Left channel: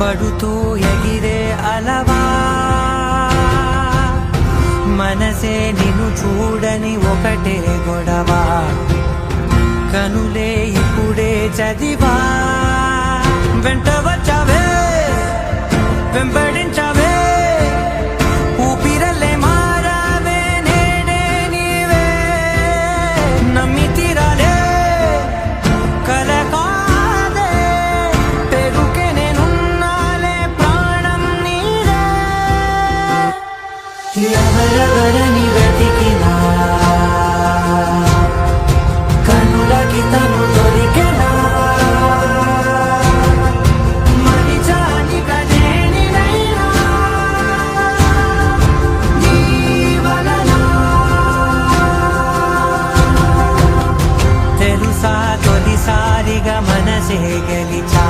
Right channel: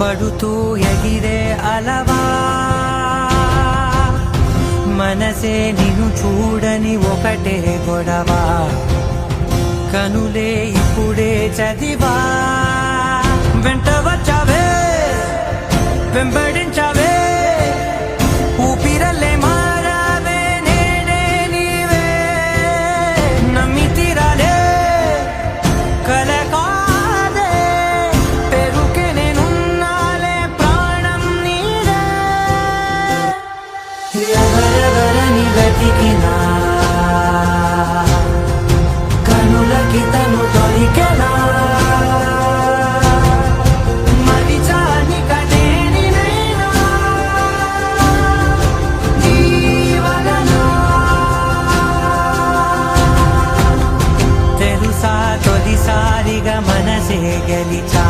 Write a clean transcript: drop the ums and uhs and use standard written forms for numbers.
పడుతూ ఎగిరే అలవా మనసే నిన్ను చూడని ఒకటే గొడవ కనులే ఇప్పుడే చదివా వెంట వచ్చావే వెంబడించావే ఊపిరల్లే మారావే నేడే నీవే నమ్మి తీరాలే కల కాదే పెరుకే నేనున్నాలే ప్రాణం నీదే ఎవరెవరని వెతికినా కనులకి తను దొరికెనా తెలుసా తొలిసారిగా మనసే గెలిచా